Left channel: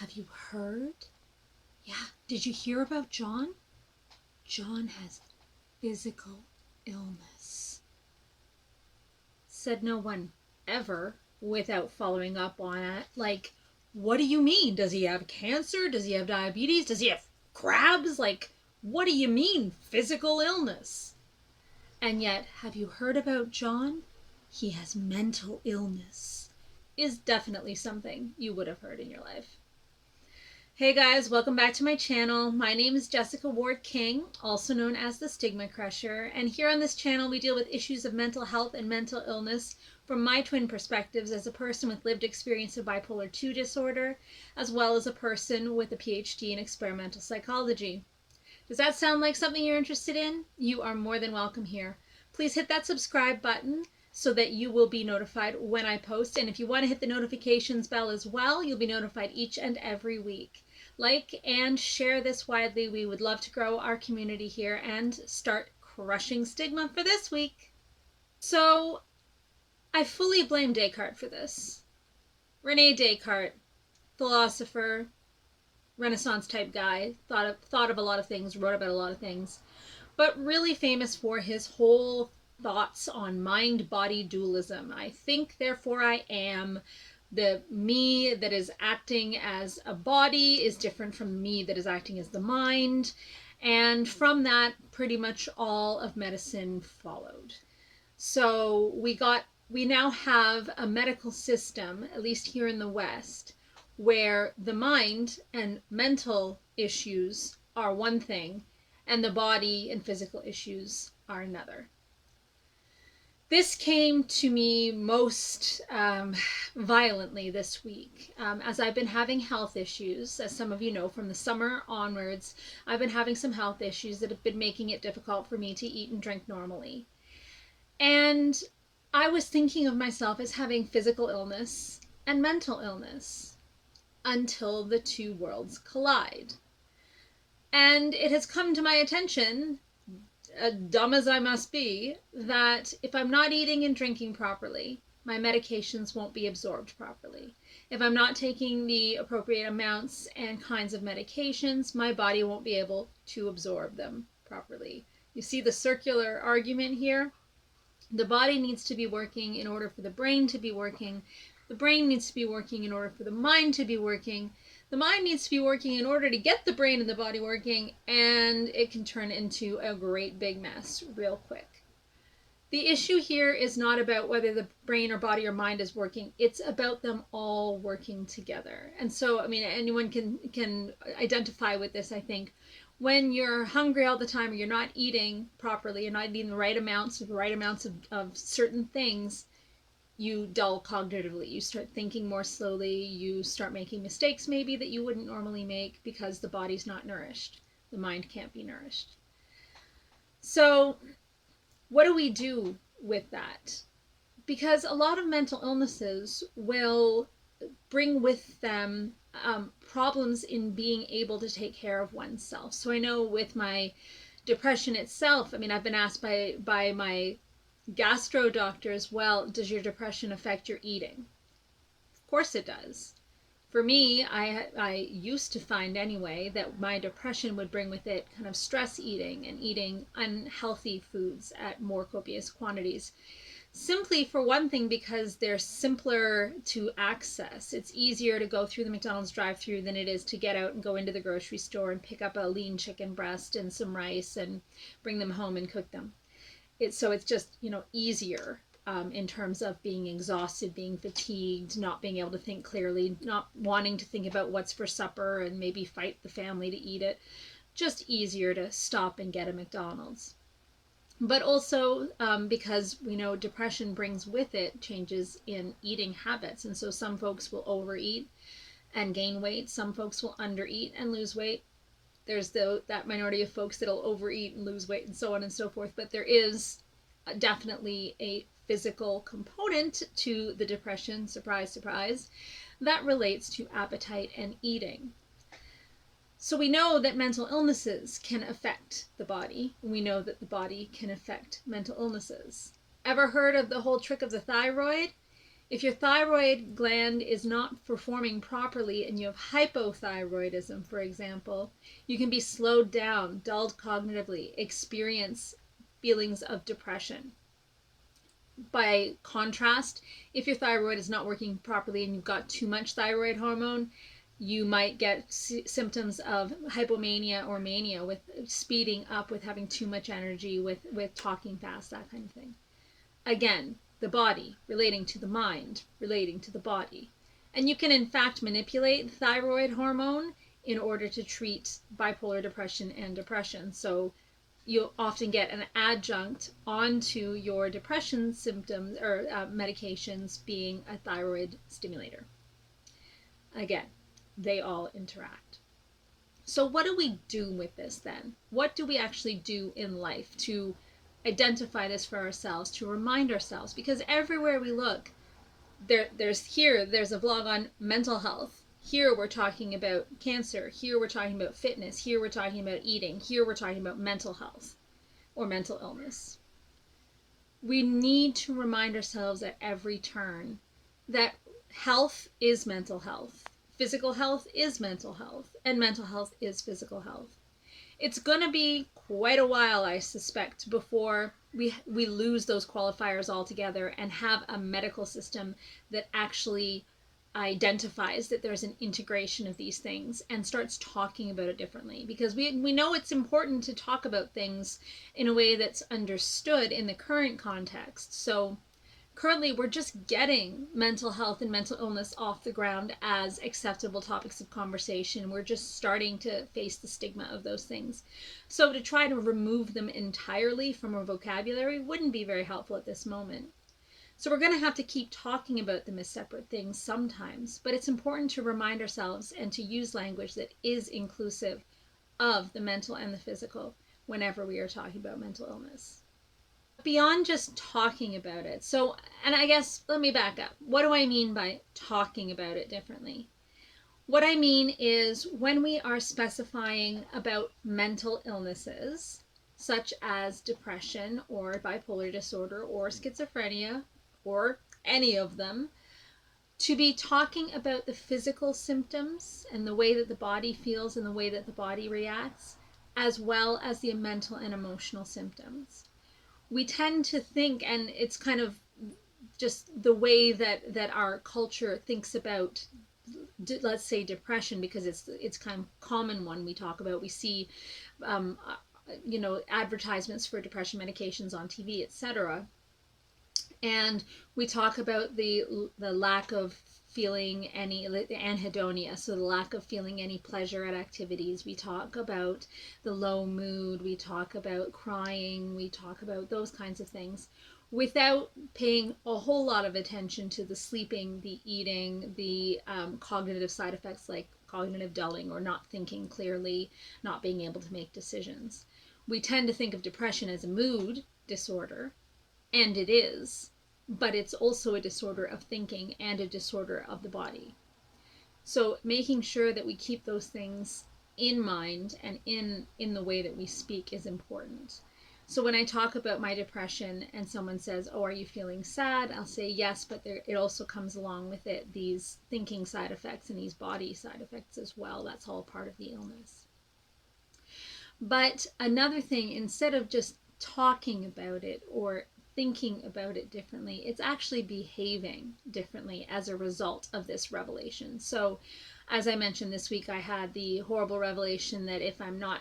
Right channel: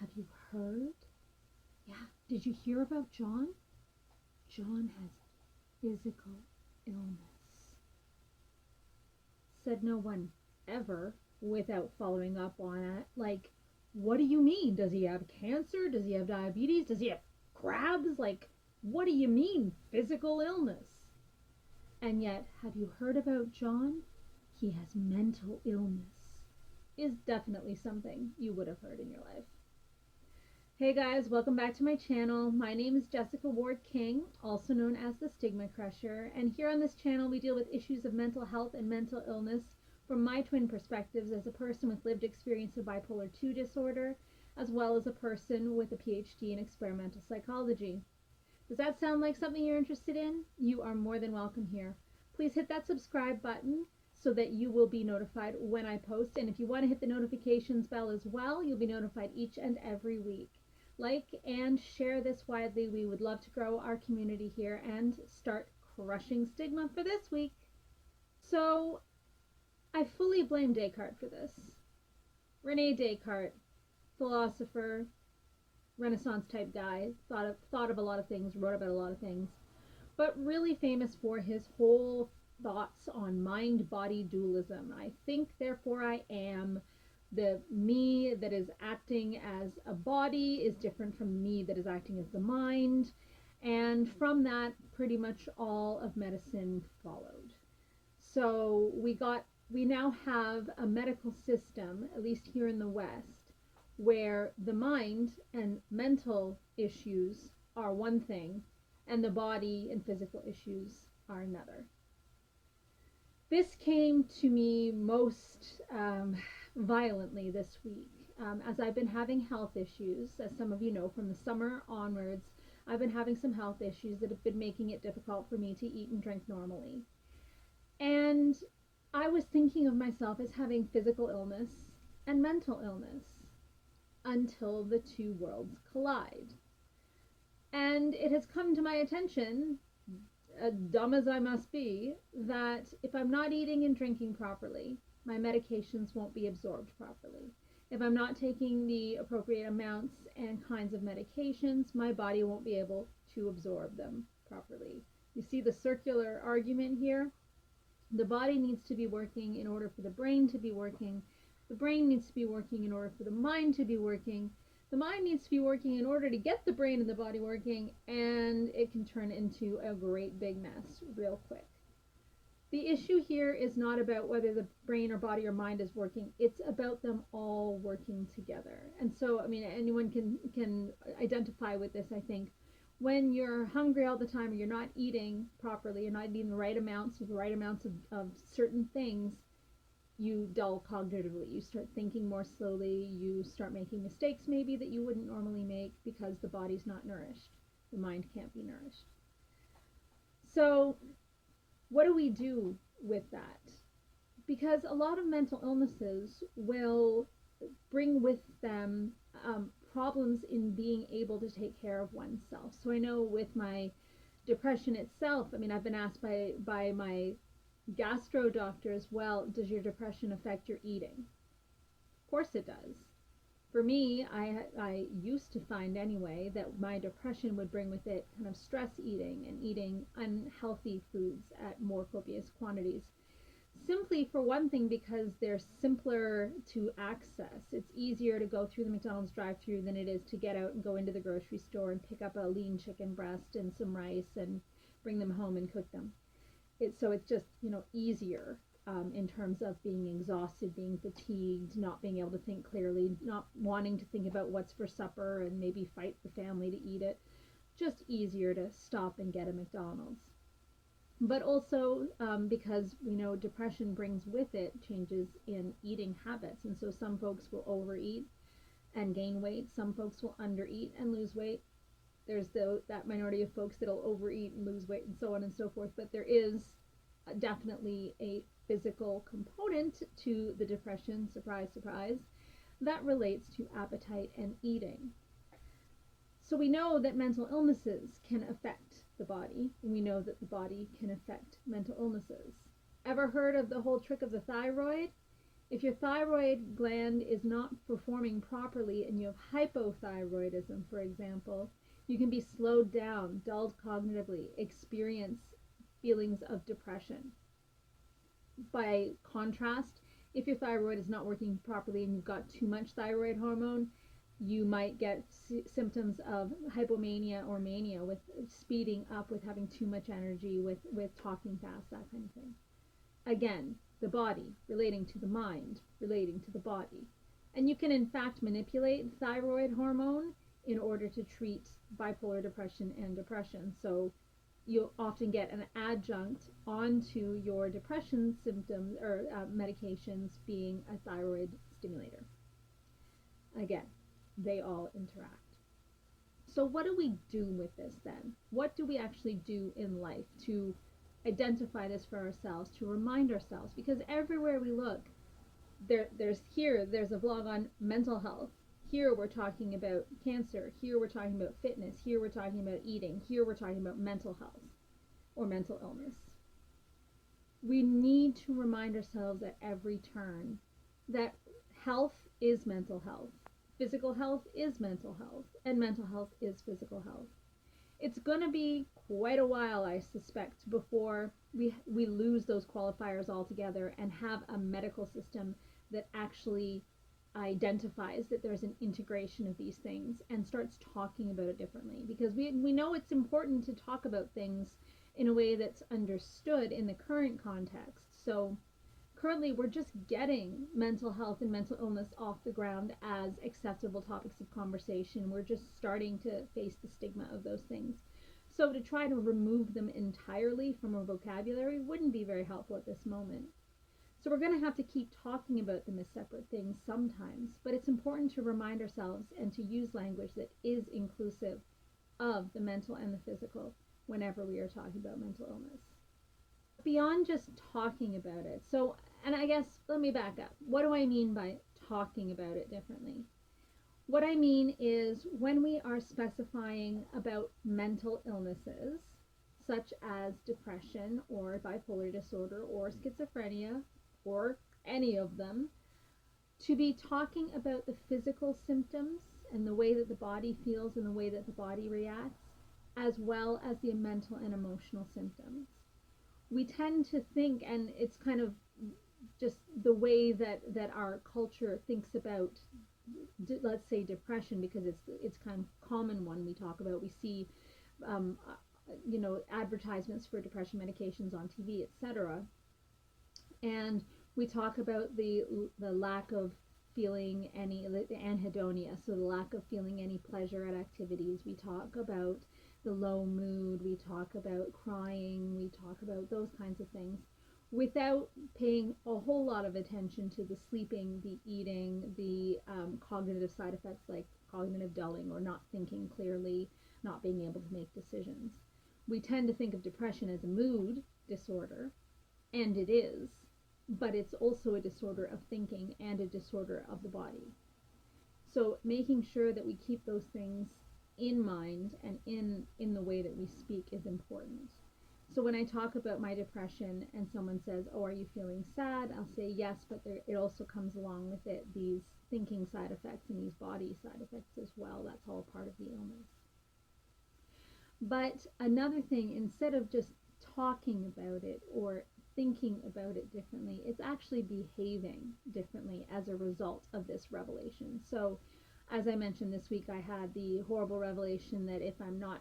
Have you heard? Yeah, did you hear about John? John has physical illness. Said no one ever without following up on it. Like, what do you mean? Does he have cancer? Does he have diabetes? Does he have crabs? Like, what do you mean physical illness? And yet, have you heard about John? He has mental illness. Is definitely something you would have heard in your life. Hey guys, welcome back to my channel. My name is Jessica Ward King, also known as the StigmaCrusher, and here on this channel we deal with issues of mental health and mental illness from my twin perspectives as a person with lived experience of bipolar 2 disorder, as well as a person with a PhD in experimental psychology. Does that sound like something you're interested in? You are more than welcome here. Please hit that subscribe button so that you will be notified when I post, and if you want to hit the notifications bell as well, you'll be notified each and every week. Like and share this widely. We would love to grow our community here and start crushing stigma for this week. So I fully blame Descartes for this. Rene Descartes, philosopher, Renaissance type guy, thought of a lot of things, wrote about a lot of things, but really famous for his whole thoughts on mind-body dualism. I think, therefore I am. The me that is acting as a body is different from the me that is acting as the mind. And from that, pretty much all of medicine followed. So we now have a medical system, at least here in the West, where the mind and mental issues are one thing and the body and physical issues are another. This came to me most violently this week, as I've been having health issues. As some of you know, from the summer onwards, I've been having some health issues that have been making it difficult for me to eat and drink normally. And I was thinking of myself as having physical illness and mental illness until the two worlds collide. And it has come to my attention, dumb as I must be, that if I'm not eating and drinking properly, my medications won't be absorbed properly. If I'm not taking the appropriate amounts and kinds of medications, my body won't be able to absorb them properly. You see the circular argument here? The body needs to be working in order for the brain to be working. The brain needs to be working in order for the mind to be working. The mind needs to be working in order to get the brain and the body working, and it can turn into a great big mess real quick. The issue here is not about whether the brain or body or mind is working. It's about them all working together. And so, I mean, anyone can identify with this, I think. When you're hungry all the time or you're not eating properly, you're not eating the right amounts of certain things, you dull cognitively. You start thinking more slowly. You start making mistakes maybe that you wouldn't normally make because the body's not nourished. The mind can't be nourished. So what do we do with that? Because a lot of mental illnesses will bring with them problems in being able to take care of oneself. So I know with my depression itself, I mean, I've been asked by my gastro doctor as well, does your depression affect your eating? Of course it does. For me, I used to find anyway that my depression would bring with it kind of stress eating and eating unhealthy foods at more copious quantities. Simply, for one thing, because they're simpler to access. It's easier to go through the McDonald's drive-thru than it is to get out and go into the grocery store and pick up a lean chicken breast and some rice and bring them home and cook them. So it's just, easier in terms of being exhausted, being fatigued, not being able to think clearly, not wanting to think about what's for supper and maybe fight the family to eat it. Just easier to stop and get a McDonald's. But also because we know depression brings with it changes in eating habits. And so some folks will overeat and gain weight. Some folks will undereat and lose weight. There's that minority of folks that'll overeat and lose weight and so on and so forth. But there is definitely a physical component to the depression, surprise, surprise, that relates to appetite and eating. So we know that mental illnesses can affect the body. We know that the body can affect mental illnesses. Ever heard of the whole trick of the thyroid? If your thyroid gland is not performing properly and you have hypothyroidism, for example, you can be slowed down, dulled cognitively, experience feelings of depression. By contrast, if your thyroid is not working properly and you've got too much thyroid hormone, you might get symptoms of hypomania or mania, with speeding up, with having too much energy, with talking fast, that kind of thing. Again, the body relating to the mind, relating to the body. And you can in fact manipulate thyroid hormone in order to treat bipolar depression and depression. So you'll often get an adjunct onto your depression symptoms or medications being a thyroid stimulator. Again, they all interact. So what do we do with this then? What do we actually do in life to identify this for ourselves, to remind ourselves? Because everywhere we look, there's a vlog on mental health. Here we're talking about cancer. Here we're talking about fitness. Here we're talking about eating. Here we're talking about mental health or mental illness. We need to remind ourselves at every turn that health is mental health. Physical health is mental health, and mental health is physical health. It's going to be quite a while, I suspect, before we lose those qualifiers altogether and have a medical system that actually identifies that there's an integration of these things and starts talking about it differently. Because we know it's important to talk about things in a way that's understood in the current context. So currently, we're just getting mental health and mental illness off the ground as acceptable topics of conversation. We're just starting to face the stigma of those things. So to try to remove them entirely from our vocabulary wouldn't be very helpful at this moment. So we're going to have to keep talking about them as separate things sometimes, but it's important to remind ourselves and to use language that is inclusive of the mental and the physical whenever we are talking about mental illness. Beyond just talking about it. So, and I guess, let me back up. What do I mean by talking about it differently? What I mean is when we are specifying about mental illnesses, such as depression or bipolar disorder or schizophrenia or any of them, to be talking about the physical symptoms and the way that the body feels and the way that the body reacts, as well as the mental and emotional symptoms. We tend to think, and it's kind of just the way that our culture thinks about, let's say, depression, because it's kind of a common one we talk about. We see advertisements for depression medications on TV, etc. And we talk about the lack of feeling any anhedonia, so the lack of feeling any pleasure at activities. We talk about the low mood, we talk about crying, we talk about those kinds of things without paying a whole lot of attention to the sleeping, the eating, the cognitive side effects like cognitive dulling or not thinking clearly, not being able to make decisions. We tend to think of depression as a mood disorder, and it is, but it's also a disorder of thinking and a disorder of the body. So making sure that we keep those things in mind and in the way that we speak is important. So when I talk about my depression and someone says, "Oh, are you feeling sad?" I'll say yes, but it also comes along with it these thinking side effects and these body side effects as well. That's all part of the illness. But another thing, instead of just talking about it or thinking about it differently, it's actually behaving differently as a result of this revelation. So as I mentioned this week, I had the horrible revelation that if I'm not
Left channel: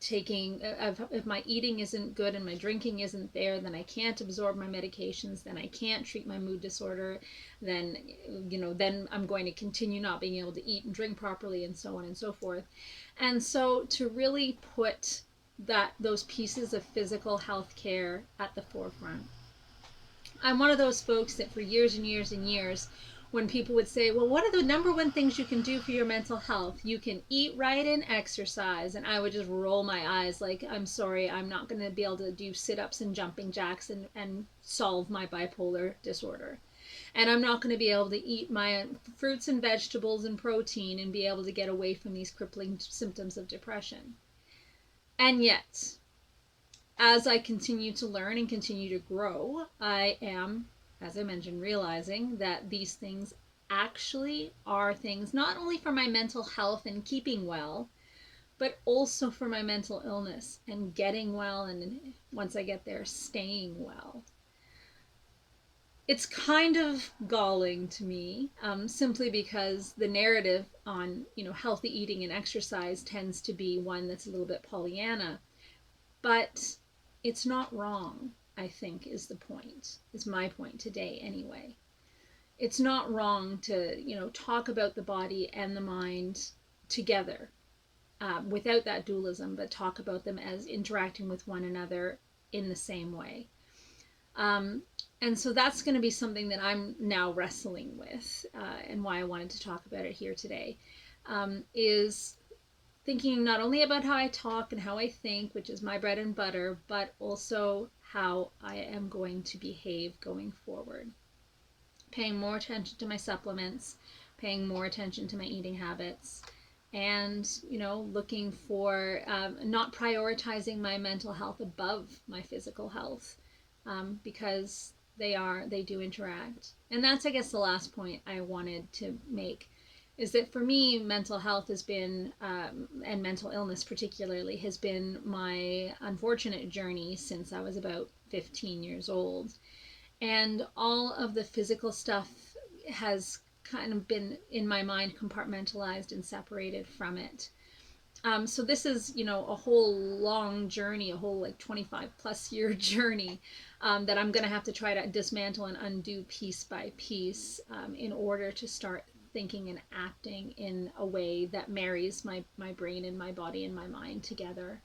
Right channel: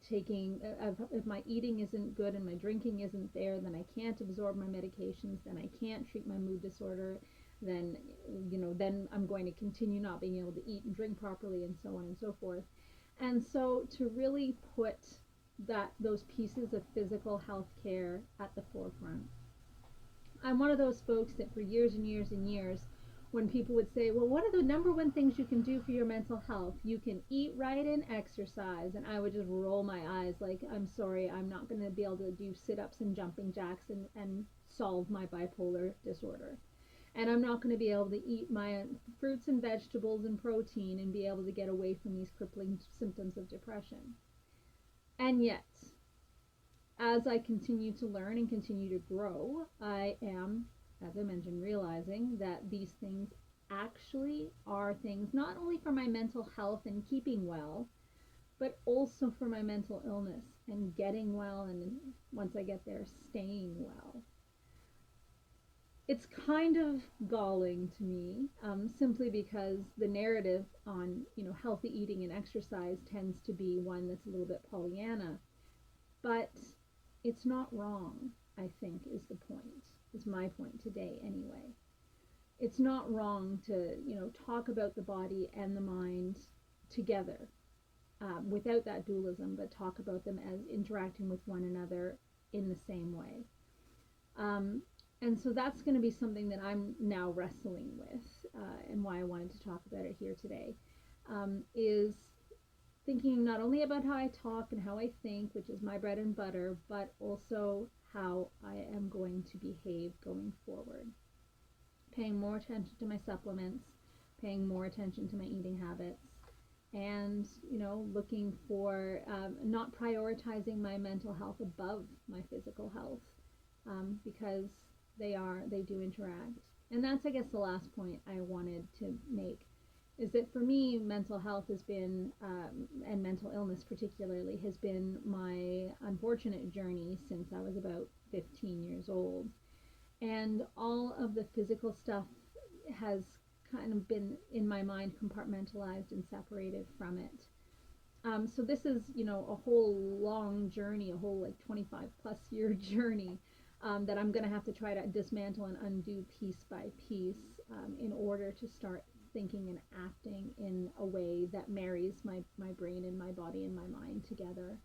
taking, if my eating isn't good and my drinking isn't there, then I can't absorb my medications, then I can't treat my mood disorder, then I'm going to continue not being able to eat and drink properly, and so on and so forth. And so to really put those pieces of physical health care at the forefront. I'm one of those folks that for years and years and years, when people would say, well, what are the number one things you can do for your mental health? You can eat right and exercise. And I would just roll my eyes like, I'm sorry, I'm not going to be able to do sit-ups and jumping jacks and solve my bipolar disorder. And I'm not going to be able to eat my fruits and vegetables and protein and be able to get away from these crippling symptoms of depression. And yet, as I continue to learn and continue to grow, I am as I mentioned, realizing that these things actually are things not only for my mental health and keeping well, but also for my mental illness and getting well, and once I get there, staying well. It's kind of galling to me, simply because the narrative on healthy eating and exercise tends to be one that's a little bit Pollyanna, but it's not wrong. I think is my point today anyway. It's not wrong to talk about the body and the mind together, without that dualism, but talk about them as interacting with one another in the same way. Um, and so that's going to be something that I'm now wrestling with, and why I wanted to talk about it here today, is thinking not only about how I talk and how I think, which is my bread and butter, but also how I am going to behave going forward. Paying more attention to my supplements, paying more attention to my eating habits, and looking for, not prioritizing my mental health above my physical health, because they do interact. And that's, I guess, the last point I wanted to make, is that for me, mental health has been, and mental illness particularly, has been my unfortunate journey since I was about 15 years old. And all of the physical stuff has kind of been in my mind compartmentalized and separated from it. So this is, a whole long journey, a whole like 25 plus year journey, that I'm going to have to try to dismantle and undo piece by piece, in order to start thinking and acting in a way that marries my brain and my body and my mind together.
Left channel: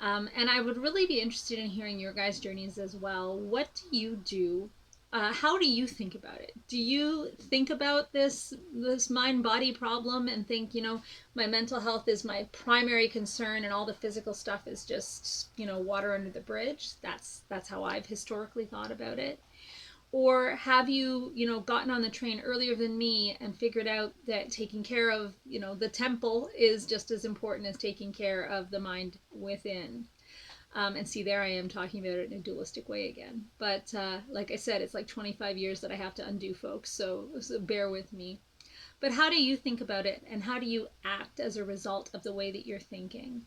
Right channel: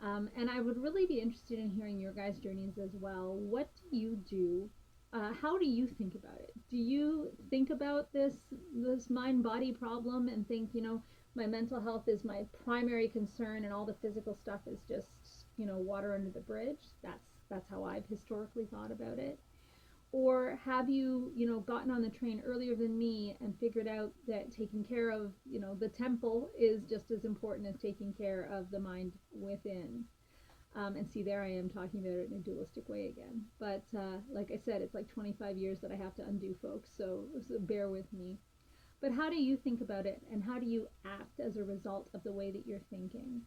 And I would really be interested in hearing your guys' journeys as well. What do you do? How do you think about it? Do you think about this mind body problem and think, my mental health is my primary concern, and all the physical stuff is just, water under the bridge? That's how I've historically thought about it. Or have you, gotten on the train earlier than me and figured out that taking care of, the temple is just as important as taking care of the mind within? And see, there I am talking about it in a dualistic way again. But like I said, it's like 25 years that I have to undo, folks, so bear with me. But how do you think about it, and how do you act as a result of the way that you're thinking?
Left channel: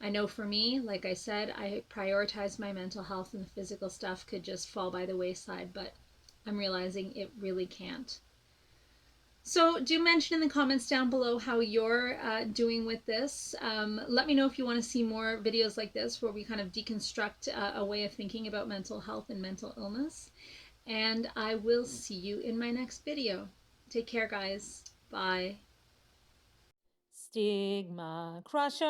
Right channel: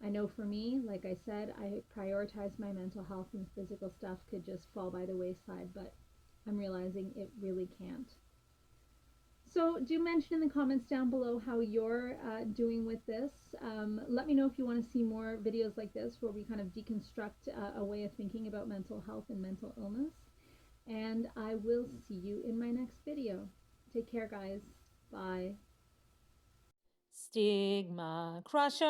I know for me, like I said, I prioritize my mental health, and the physical stuff could just fall by the wayside, but I'm realizing it really can't. So do mention in the comments down below how you're doing with this. Let me know if you want to see more videos like this, where we kind of deconstruct a way of thinking about mental health and mental illness. And I will see you in my next video. Take care, guys. Bye. Stigma Crusher.